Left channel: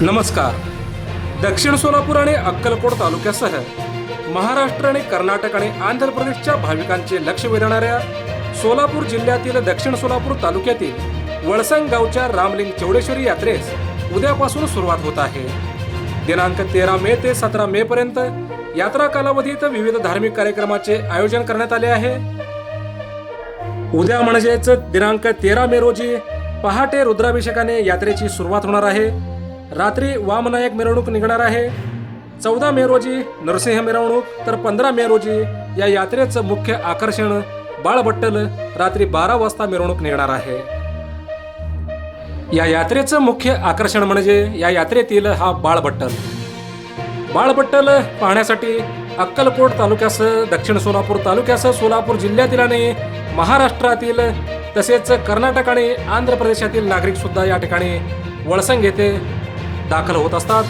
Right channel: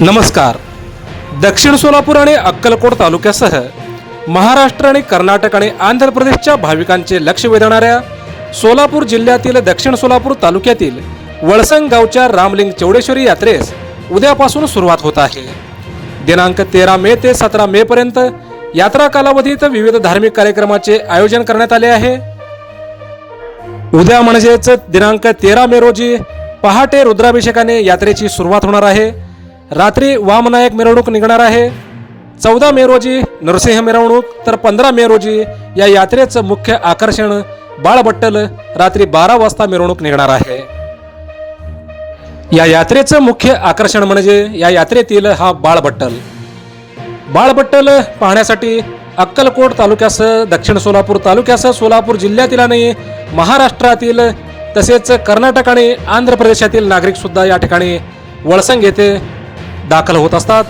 नमस्कार. दक्षिण सोलापूर आणि अक्कलकोट तालुक्यासह महाराष्ट्र आणि कर्नाटक आणि आंध्र प्रदेशच्या भाविकांचे लक्ष वेधणाऱ्या सोलापूर जिल्ह्यातील दक्षिण सोलापूर तालुक्यातील वळसंग गावच्या रामलिंग चौडेश्वरी यात्रेस उद्यापासून सुरुवात होत आहे. दिनांक 13 मे ते 17 मे पर्यंत यात्रा कालावधीत विविध धार्मिक कार्यक्रमाचे आयोजन करण्यात आले आहे. उद्या म्हणजेच दिनांक 13 मे रोजी पहाटे रुद्राभिषेकाने यात्रेची सुरुवात होणार आहे. रात्री वामनायक मिरवणूक निघणार आहे. 14 मे रोजी नरसिंह मिरवणूक तर 15 मे रोजी या यात्रेचं मुख्य आकर्षण बाळबट्टल रात्री 12 वाजता मिरवणूक निघणार आहे. या यात्रेचं मुख्य आकर्षण म्हणजे या यात्रेतील हा बाळबट्टल. बाळबट्टल पाहण्यासाठी अक्कलकोट तालुक्यासह दक्षिण सोलापूर तालुक्यासह सोलापूर जिल्ह्यातील आणि महाराष्ट्रातील तसेच कर्नाटक आणि आंध्र प्रदेशातील नागरिक सुद्धा या ठिकाणी वळसंग येथे दाखल होत असतात.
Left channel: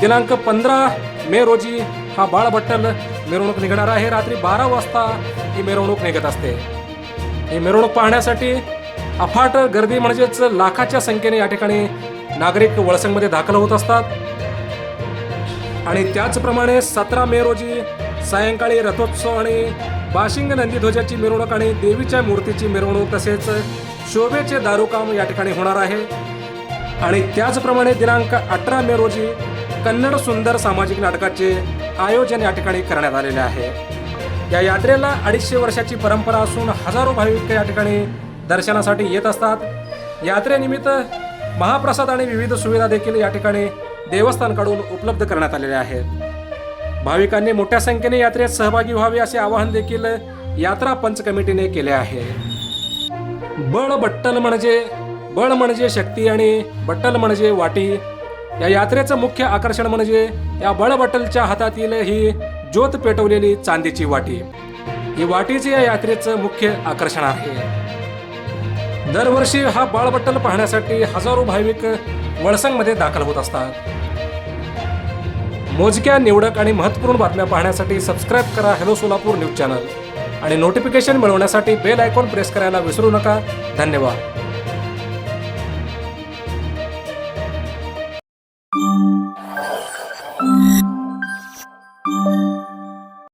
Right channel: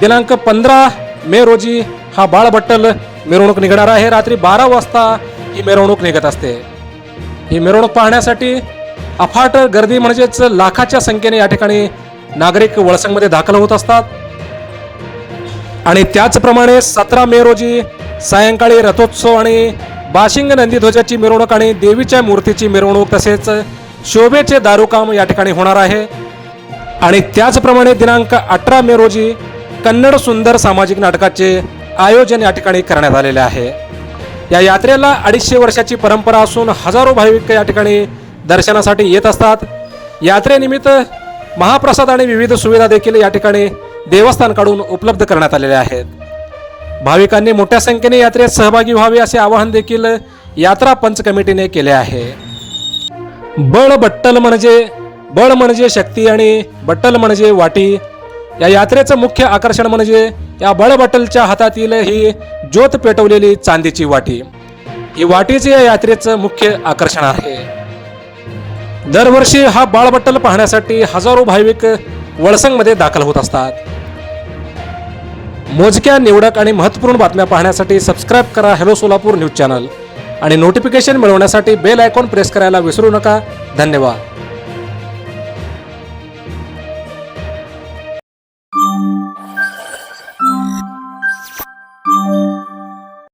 दिनांक 15 मे रोजी हा बाळबट्टल मिरवणूक निघणार आहे. रात्री 12 वाजता ही मिरवणूक निघत असते. ही मिरवणूक पाहण्यासाठी अफाट गर्दी म्हणजेच लाखाच्या संख्येने या ठिकाणी नागरिक वळसंगमध्ये दाखल होत असतात. आणि त्याचप्रमाणे 17 मे रोजी सायंकाळी रथोत्सव आणि बाशिंग नंदीध्वजाची मिरवणूक आणि देवीच्या मूर्तीची मिरवणूक तसेच शोभेचे दारूकाम या ठिकाणी होणार आहे. आणि त्याचप्रमाणे दिनांक 18 मे रोजी कन्नड सुंदर सामाजिक नाटकाचे आयोजन या ठिकाणी करण्यात आलेले आहे. या यात्रेला 250 वर्षाची परंपरा असून हजारो भाविक या ठिकाणी दर्शनासाठी येत असतात. यात्रेनिमित्त महाप्रसाद आणि विविध सुविधा देखील या ठिकाणी देवस्थानकडून उपलब्ध करण्यात आलेल्या आहेत. भाविकांनी मोठ्या संख्येने यात्रेत सहभागी व्हावे असे आवाहन देखील यात्रा पंच कमिटीने केले आहे. बळ म्हणजे शक्ती आणि बट्टल म्हणजे वाटी. या यात्रेचं मुख्य आकर्षण म्हणजे या बळबट्टलच्या हातातील ही ज्योत पेटवलेली चांदीची वाटी. ही वाटीचे या यात्रेचं मुख्य आकर्षण आहे. दरवर्षी हा बाळबट्टल पाहण्यासाठी हजारो भाविक वळसंगमध्ये दाखल होत असतात. मोजक्या निवडक आणि महत्त्वपूर्ण बातम्या पाहण्यासाठी सबस्क्राईब करा हॅलो सोलापूर न्यूज चॅनल आणि नोटिफिकेशन मिळवण्यासाठी बेल आयकॉन प्रेस करायला विसरू नका. धन्यवाद.